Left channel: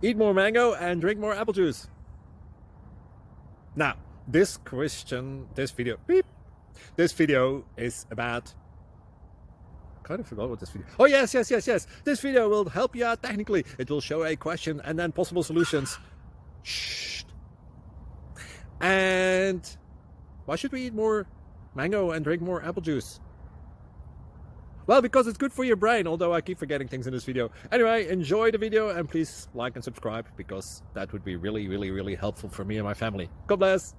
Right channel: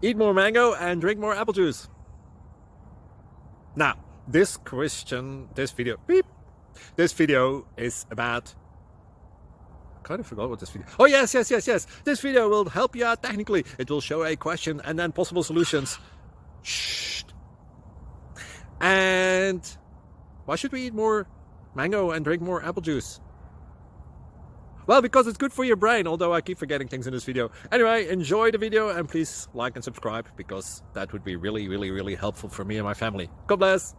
Eat more mango and drink more apple juice. Now, this video is about, I kind of forgot what this video. Oh, yes. This video will help you out technically. It will show a question and then possible solutions. Shh. And why should we eat more mango and drink more apple juice? Well, because it's good for your brain, although I keep forgetting things in this video. Anyway, enjoy the video and please like and subscribe, because that would be really helpful for me and my family. God bless!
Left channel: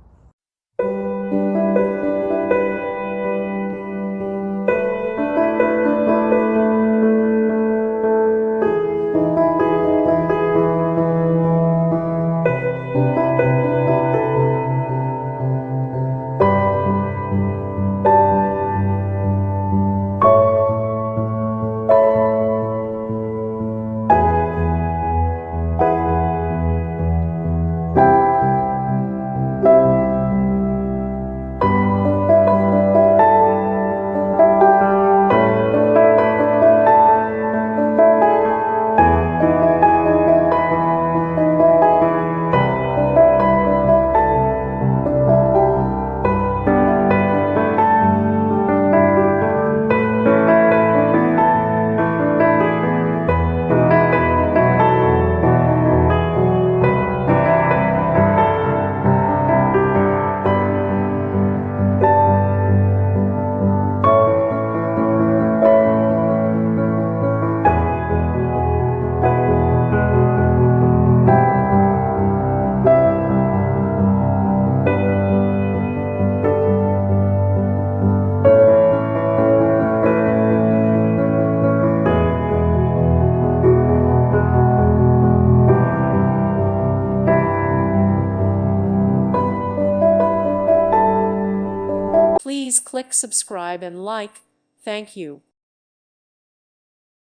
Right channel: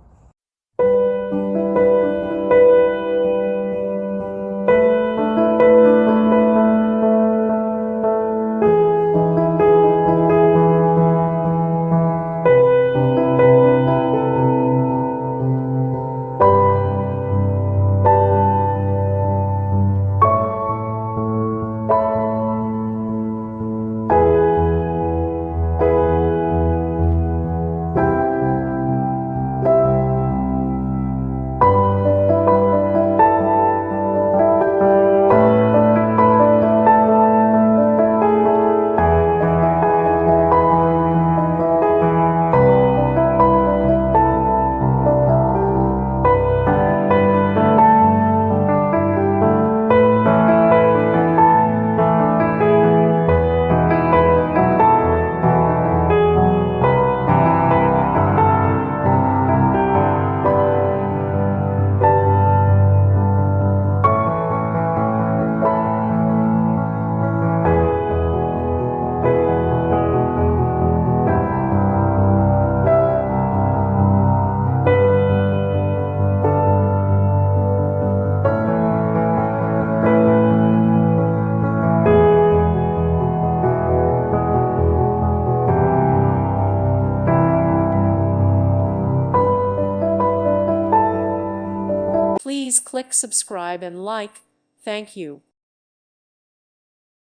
Please click subscribe and like. Thank you.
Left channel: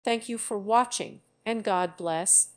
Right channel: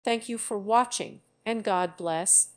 Thank you for watching, and God bless.